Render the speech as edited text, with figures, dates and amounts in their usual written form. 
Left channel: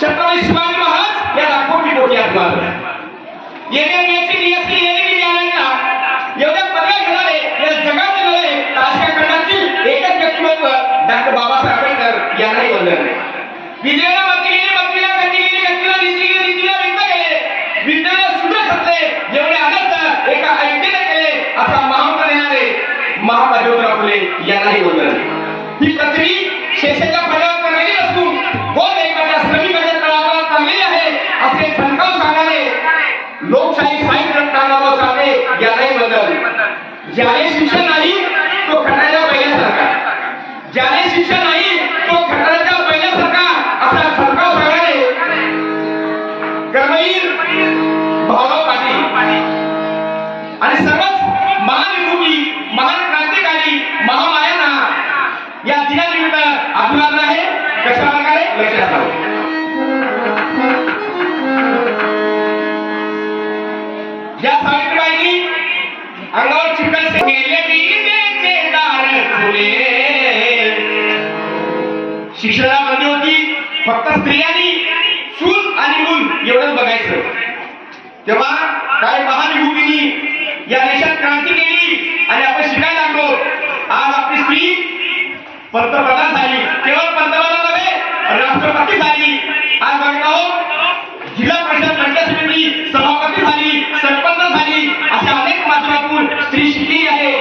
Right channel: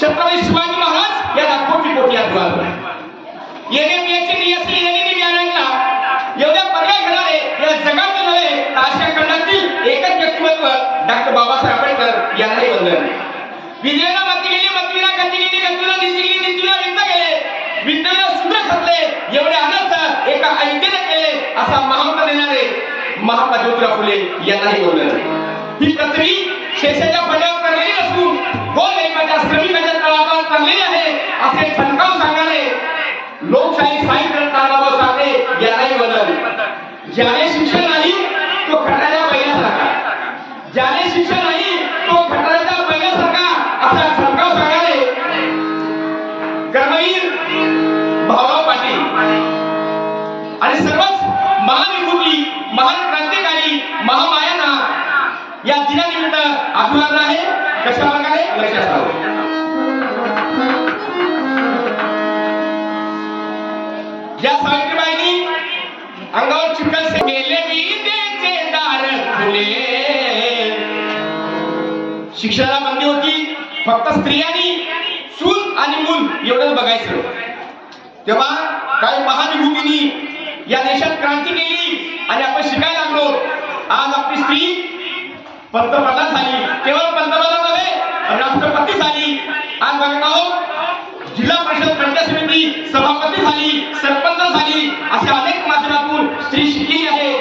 छत्रपती शिवाजी महाराज याला कोटी कोटी अभिवादन. येण्याची नियती येणे ज्ञानांना एवढ्या पदव्या घेणारे या जगात नव्हे तर आशिया खंडातील एकच व्यक्तिमत्व डॉक्टर बाबासाहेब आंबेडकर यांनाही वंदन. विजयाला मती गेली, मतीला गती गेली, गतीला नीती गेली, नीतीला विंत गेले, विंतेला सुद्धा खतले, एवढे अनर्थ एका ऐक्याने केले असा महामंत्र देणारे महात्मा ज्योतिराव फुले यांनाही वंदन. ही पृथ्वी शेषाच्या फळावर करलेली नसून गोल एकाच्या श्रमिकाच्या तळागाळात चाललेली आहे असे ठणकावून सांगणारे लोकशाही साहित्य तानाभाऊ साठे यांनाही वंदन. ज्याने शिक्षण नाही तो खटाच्या पहिल्यासारखा, ज्याने शिक्षण नाही तो खटाच्या पहिल्यासारखा असा ठणकाव सांगणारे कर्मवीर भाऊराव पाटील आणि सर्वच महान विभूती, महान क्रांतिकारी, महामायाना या दिनानिमित्त अभिवादन आहे. कशा प्रकारे लक्षात ठेवा. या सावित्रीबाईंनी अंगावर चिखल गेले विद्येचे दार खुले. शिक्षणाला बंदी होती, फक्त स्त्रियांनी चूल आणि मूल एवढंच बघायचं. तेव्हा काही महान विभूतींनी या देशात क्रांती केली आणि आपण शिकायला लागलो. आज आपली स्त्री पंतप्रधान झाली, केवळ पंतप्रधान नव्हे राष्ट्रपती झाली. आज बघत आहोत जिल्हा परिषद पंचायत समिती सभापती झाली, सरपंच झाली, असे अनेक माध्यमातून स्त्री शिकली आहे.